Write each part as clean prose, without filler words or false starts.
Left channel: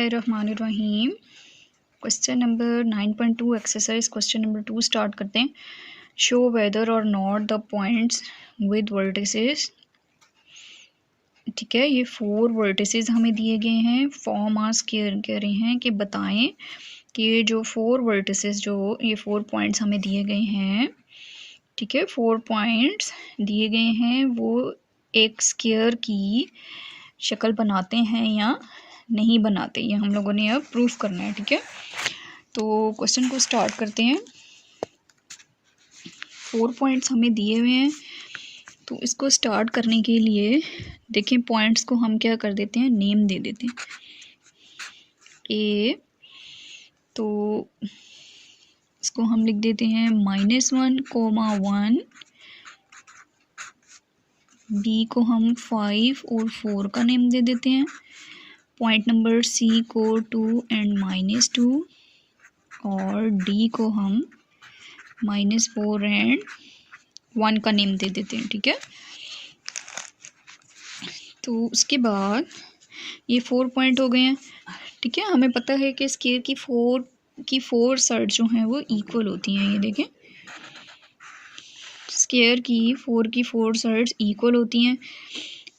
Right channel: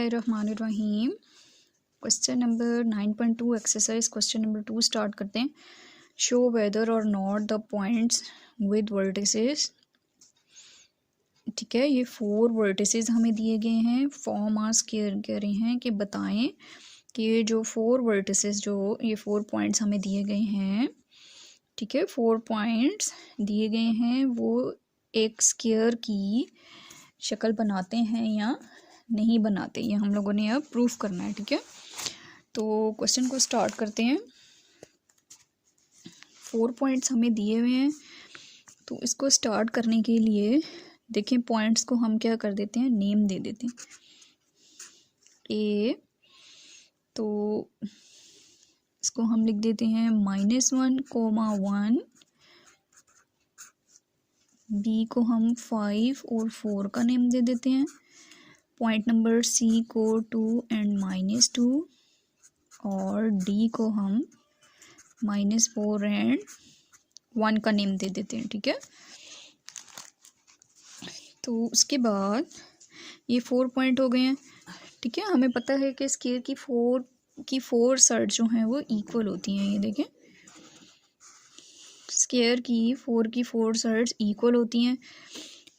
बिस्मिल्लाहिर्रहमानिर्रहीम। Question number 9.2 exercise question number 2 start करते हैं। शो वेदर और not the points with vertices. ठीक है, ये 4 वर्टिसेस हमें दिए गए हैं। फॉर्म आस्क कह रहे हैं कि बताएं कि ये जो 4 वर्टिसेस, जो ये 4 पॉइंट्स हमें दिए गए हैं, ठीक है, 4 पॉइंट्स दिए गए हैं, वो एक स्क्वायर की शक्ल बनाते हैं या नहीं बनाते, ये हम लोगों ने अब प्रूफ करना है। ठीक है, तो क्वेश्चन को स्टार्ट करते हैं। 4 पॉइंट्स हमें दिए हुए हैं, तो इसको स्टार्ट करने के लिए देखें, पॉइंट्स को हम क्या कर देते हैं, नेम दे देते हैं। ए, तो इसको हम लिख देते हैं -1, 1। बी को हम 5 और 4 का नेम दे देते हैं। पॉइंट नंबर सी को 2 एंड -2, और डी को हम -4 एंड 1 का नेम दे देते हैं। ठीक है, तो उसके बाद ये 4 पॉइंट हो गए हैं। ठीक है, हमें पता है कि स्क्वायर की 4 साइड जो हैं वो इक्वल होती हैं। ये देखें, स्क्वायर की 4 साइड्स इक्वल होती हैं।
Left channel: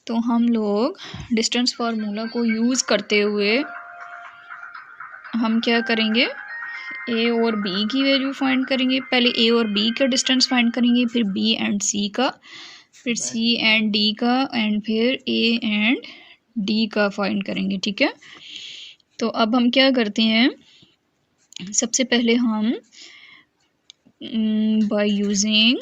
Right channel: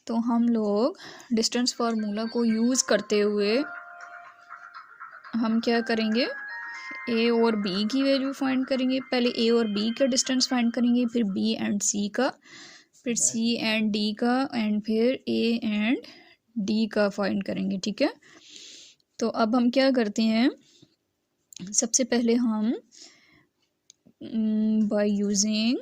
तो हम लोग डिस्टेंस फार्मूला को यूज़ करते हुए हम क्या करेंगे, ए और बी की वैल्यू फाइंड करेंगे। पहले ए और बी का डिस्टेंस फाइंड करेंगे, फिर बी एंड सी का, फिर सी एंड डी का, एंड फिर ए एंड डी का फाइंड करेंगे। ठीक है, तो अब हम क्या करते हैं, सबसे पहले हम बाय यूजिंग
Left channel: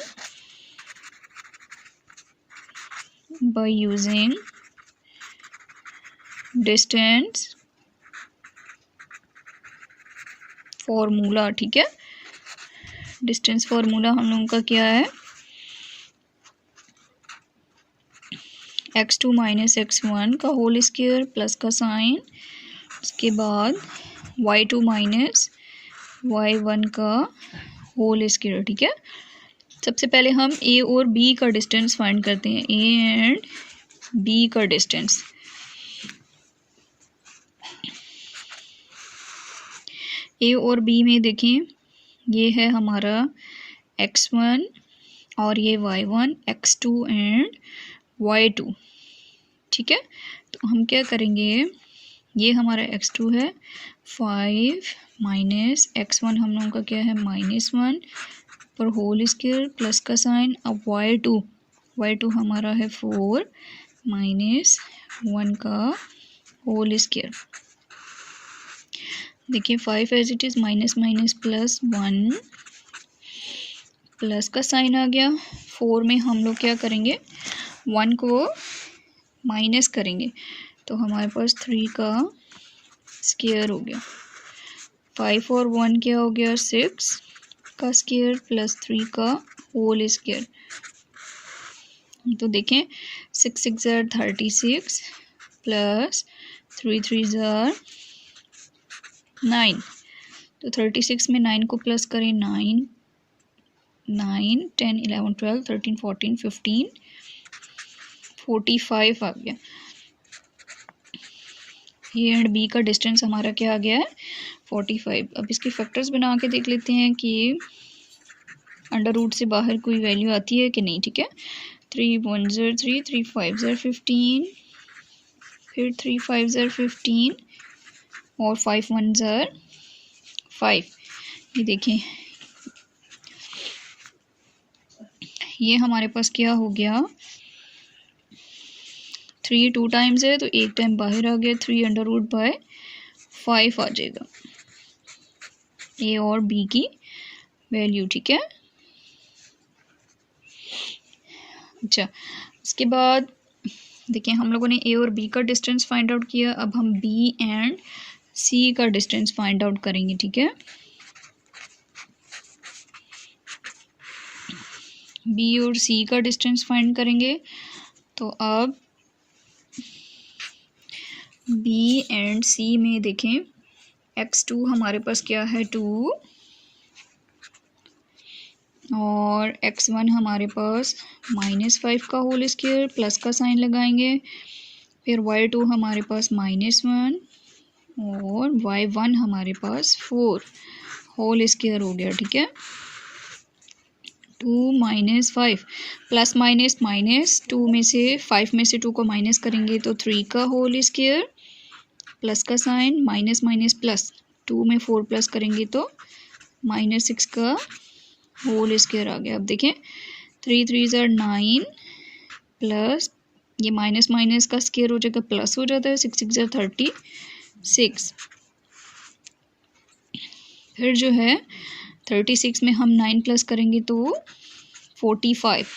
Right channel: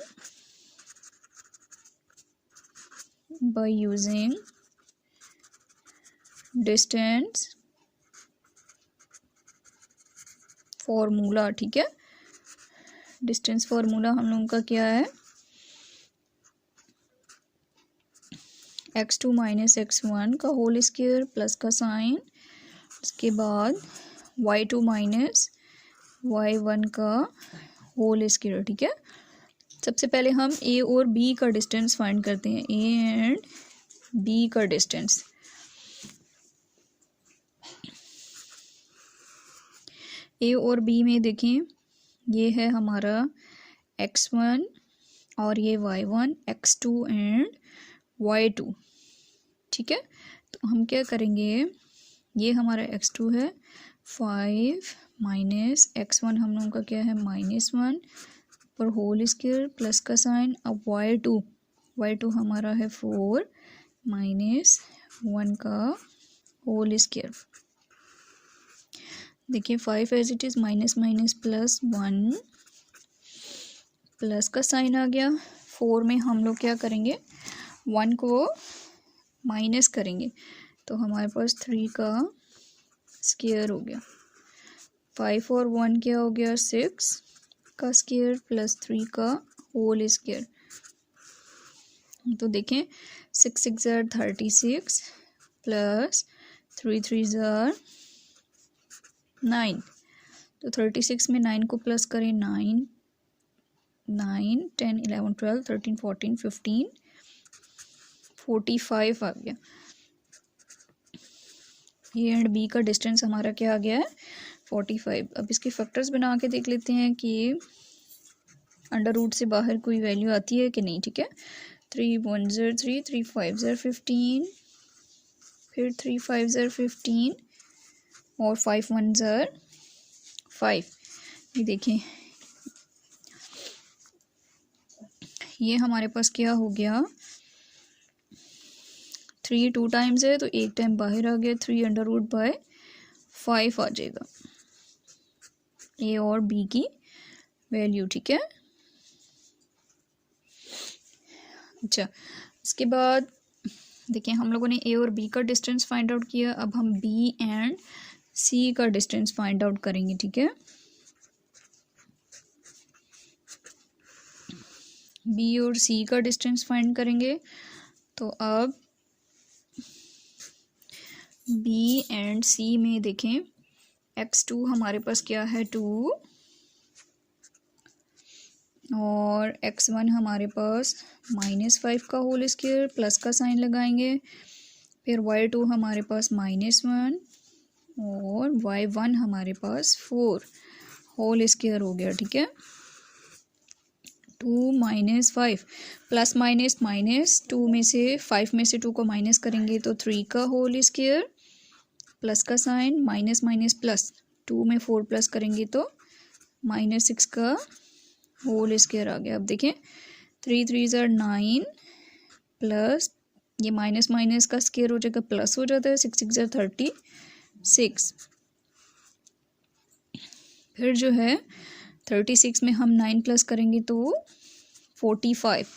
डिस्टेंस फॉर्मूला। ठीक है, डिस्टेंस फार्मूला हम लोगों का क्या है, x2 - x1 का होल स्क्वायर प्लस का साइन, उसके बाद y2 - y1 का होल स्क्वायर। ठीक है, सबसे पहले हम a और b का डिस्टेंस फाइंड करते हैं, a एंड b का डिस्टेंस। a और b में देखें, ये है हमारा x1 और ये y1, x2 एंड y2। ठीक है, तो हम क्या करेंगे, ये हमारा x2 है, 5 माइनस x1 हम लोगों का क्या है, -1 पर होल स्क्वायर प्लस का साइन। अब y2 हमारा है 4 -1 का होल स्क्वायर। देखिए 5 as it is, minus plus 1 plus का साइन आ गया। 4 में हम लोग क्या करेंगे, 1 को माइनस करेंगे, तो हमारे पास 3 का स्क्वायर हो गया। 5 और 1 क्या हो गया, 6 का स्क्वायर प्लस 3 का होल स्क्वायर। तो देखें 6 6 ज़ार 36 प्लस 3 3 ज़ार 9। तो 36 में 9 को प्लस करें, 9 10 11 12 13 14 15 45 आ गया। ए एंड बी का डिस्टेंस हमारा क्या आ गया है, 45। अब इसके फैक्टर्स बना के देख लेते हैं कि अंडर रूट से बाहर कोई वैल्यू आती है कि नहीं। ठीक है, 3 1 ज़ार 3, 3 5 ज़ार 15, फिर 3 5 ज़ार 15 और 5 1 ज़ार 5। ये देखें, ये हमारे पास क्या हो गया, 3 2 टाइम्स है तो 1 टाइम बाहर आ गया, 3 अंडर रूट बाय 5 आ जाएगा ए और बी की वैल्यू। ठीक है, अच्छा, उसके बाद देखिए हम लोगों ने ए और बी का डिस्टेंस फाइंड आउट किया। अब हम बी एंड सी का डिस्टेंस फाइंड आउट करेंगे। ठीक है, बी और सी का डिस्टेंस फाइंड करेंगे। तो अब बी एंड सी में देखें, x2 हमारे पास क्या है, 2, और x1 हमारे पास -5 का होल स्क्वायर प्लस का साइन लगाएंगे। फिर y2 हमारे पास -1 और y1 हमारे पास 4 होल स्क्वायर हो गया, ठीक है। 2 माइनस 5 प्लस माइनस माइनस 2 में से 5 में से 2 को माइनस करेंगे तो 3 का होल स्क्वायर प्लस का साइन माइनस माइनस प्लस 2 में 4 प्लस करेंगे तो -6 का होल स्क्वायर आ गया। अब देखें 3 3 ज़र 9 प्लस ये माइनस माइनस का स्क्वायर हो जाएगा प्लस हो जाता है 6 6 ज़र 36। फिर जो है 36 में हम 9 प्लस करेंगे तो 45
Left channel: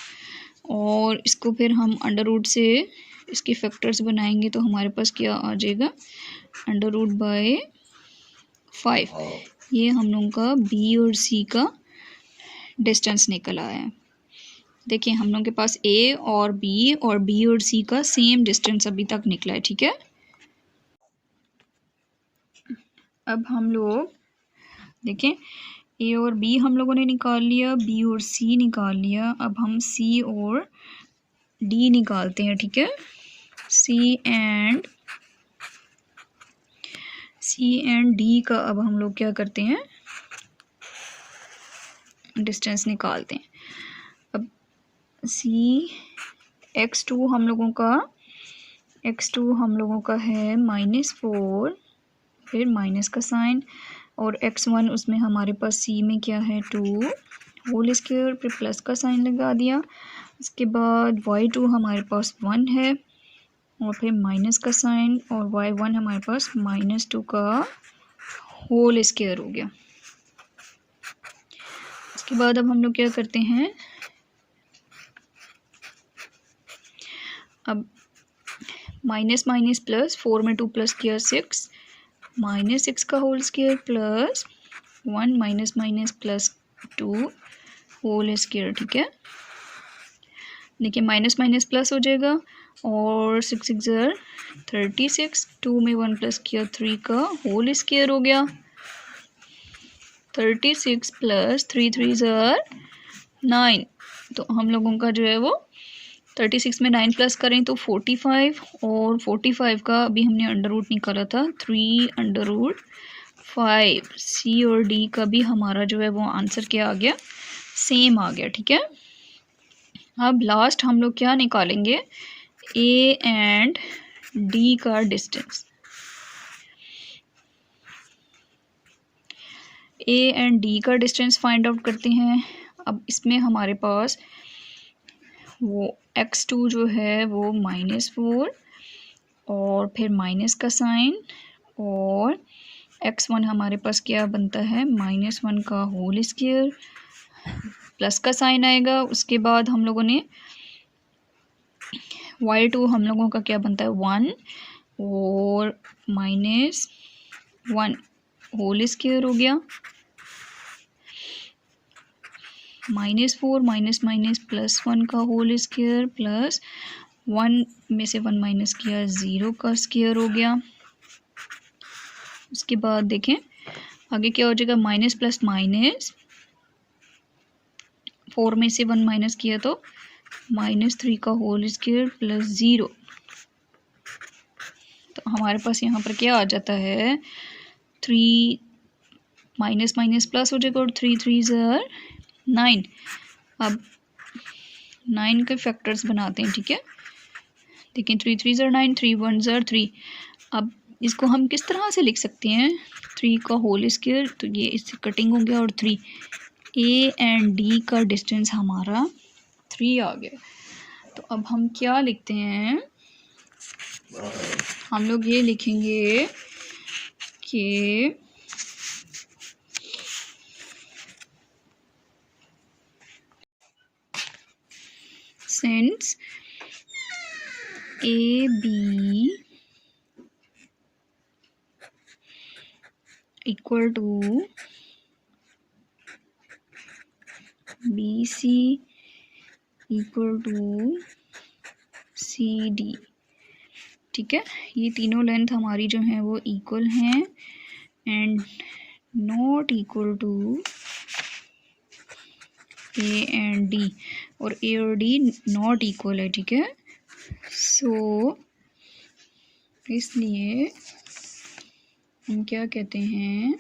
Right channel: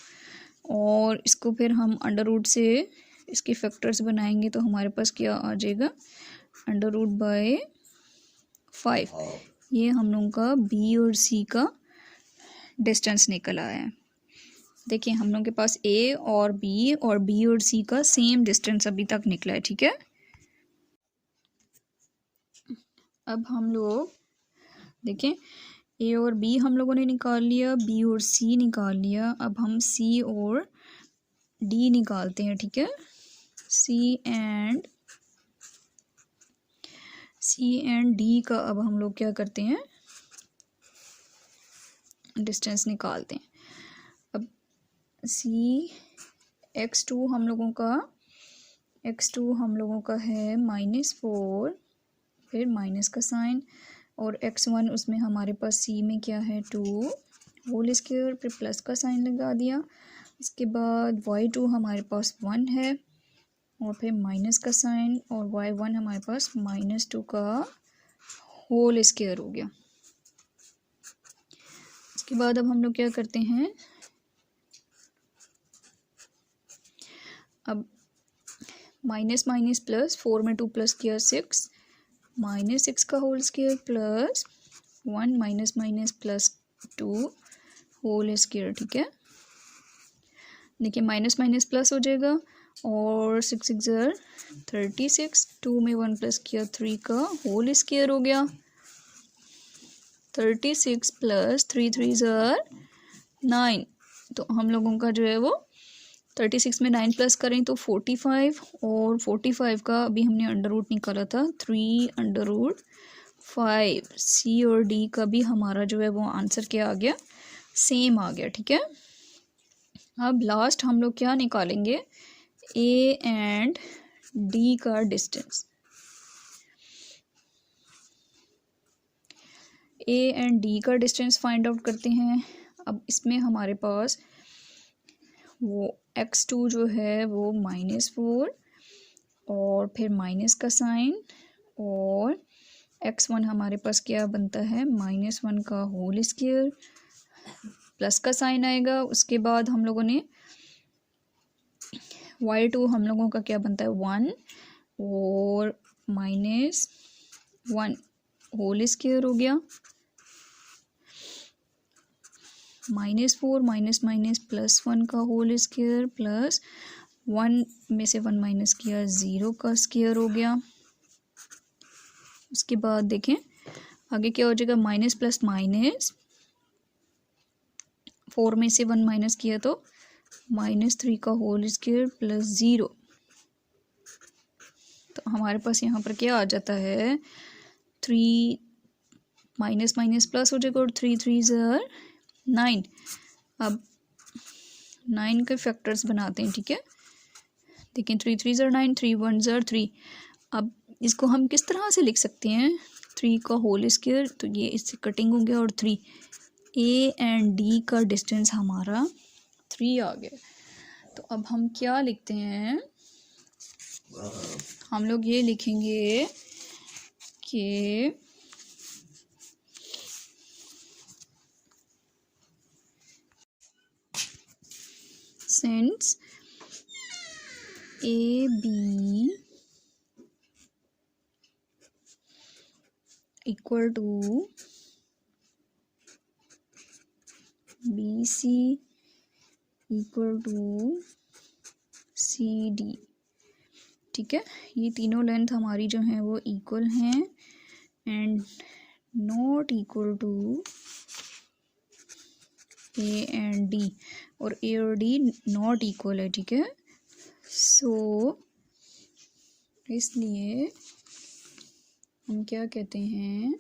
और इसको फिर हम अंडर रूट से इसके फैक्टर्स बनाएंगे तो हमारे पास क्या आ जाएगा अंडर रूट बाय 5। ये हम लोगों का बी और सी का डिस्टेंस निकल आया है। देखिए हम लोगों के पास ए और बी और सी का सेम डिस्टेंस अभी तक निकला है, ठीक है। अब हम लोग देखें ए और बी हम लोगों ने निकाल लिया, बी और सी निकाल लिया। अब हम सी और डी निकालते हैं, ठीक है। सी एंड डी का अब हम लोग क्या करते हैं डिस्टेंस निकालते हैं। अब सी x2 हम लोगों का है -4 फिर माइनस का साइन और x1 उसमें हमारे पास सी में क्या है 2 होल स्क्वायर फिर प्लस का साइन लगा दिया। उसके बाद y2 हमारे पास 1 है और फिर माइनस का साइन और y1 हमारे पास -2 का होल स्क्वायर हो गया। उसके बाद अब हम लोग क्या करते हैं अब माइनस माइनस प्लस 4 में 2 प्लस किया 6 -6 का whole square plus 1 minus minus plus 2 whole square, ठीक है। देखिए माइनस माइनस प्लस हो जाएगा और 6 6 ज़र 36 2 में 1 प्लस किया 3 का होल स्क्वायर हो गया। 36 प्लस 3 3 ज़र 9 तो हम लोगों का जो है वो 36 में 9 प्लस करें तो 45 और 45 का अभी हमने अंडर रूट निकाला था 3 अंडर रूट 5। सी और डी का भी हमारा जो है वो आंसर क्या आ गया सेम आ गया, ठीक है। अब लास्ट हम लोग क्या निकालेंगे ए एंड डी का डिस्टेंस। ए एंड डी का डिस्टेंस फाइंड आउट करते हैं। अब इसमें हमारे पास वो x2 जो है वो -4 और फिर माइनस का साइन और x1 हमारे पास क्या बनता है -1 का होल स्क्वायर प्लस का साइन आएगा। उसके बाद हम लोगों ने y2 हम लोगों का क्या बनता है 1 और -1 होल स्क्वायर हो गया। -4 माइनस माइनस +1 का होल स्क्वायर प्लस 1 में से 1 माइनस किया 0 का स्क्वायर हो गया। उसके बाद देखें आगे क्या हो जाएगा माइनस प्लस माइनस 4 में से 1 माइनस किया तो -3 का होल स्क्वायर प्लस 0। तो हमारे पास यहाँ पर क्या आ जाता है 3 माइनस माइनस प्लस हो जाएगा और 3 3 ज़र 9। अब 9 के फैक्टर्स बनाते हैं, ठीक है। देखिए 3 3 ज़र 9 3 1 ज़र 3। अब इसको हम किस तरह से लिख सकते हैं 3 का होल स्क्वायर तो ये इससे कटिंग हो गया और 3 ए एंड डी का डिस्टेंस हमारा 3 आ गया। तो अब हम क्या लिखते हैं हम लोग ये लिखेंगे कि since AB equal to BC equal to CD, ठीक है। ये तीनों लेंथ हमारी जो है वो इक्वल हैं and not equal to A and D और ए और डी नॉट इक्वल है, ठीक है। सो इसलिए हम क्या कहते हैं,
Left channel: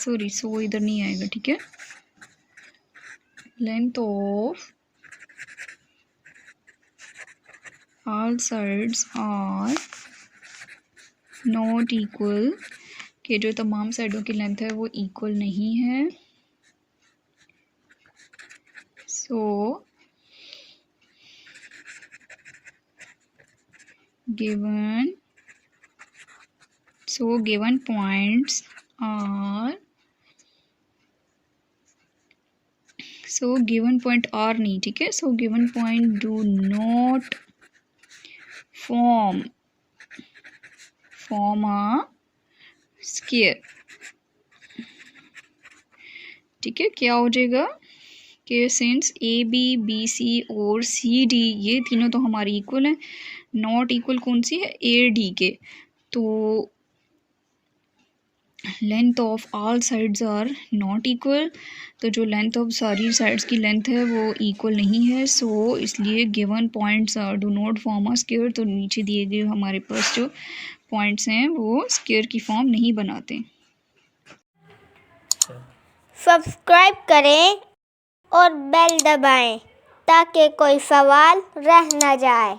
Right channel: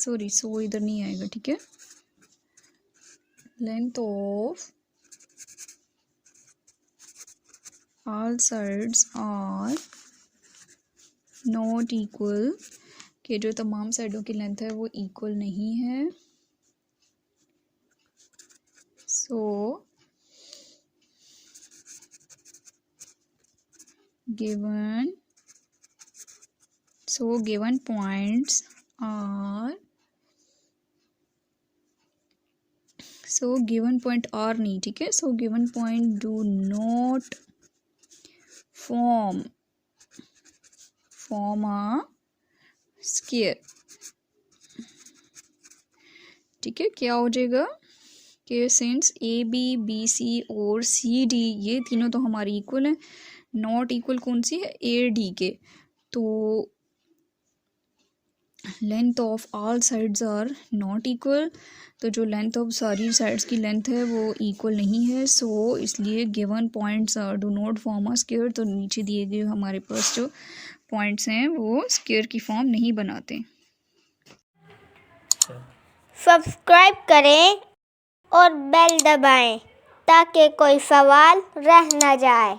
सॉरी सो इधर नहीं आएगा, ठीक है। Length of all sides are not equal, कि जो तमाम साइडों की लेंथ है वो इक्वल नहीं है। So given points are, so given point are नहीं, ठीक है। So given point do not form a square, ठीक है। क्या हो जाएगा कि since A B, B C और सी डी ये तीनों तो हमारी इक्वल हैं, नॉट इक्वल कौन सी है, ए डी के। तो length of all sides are not equal, तो जो लेंथ ऑफ सारी साइड्स की लेंथ है वो इक्वल नहीं है। सो इसलिए given points are do not form a square, तो नीचे दिए गए हमारे पास जो पॉइंट्स हैं वो स्क्वायर की फॉर्म नहीं बनाते। सब्सक्राइब करें और बेल दबाएं ताकि कोई सवाल रह न जाए।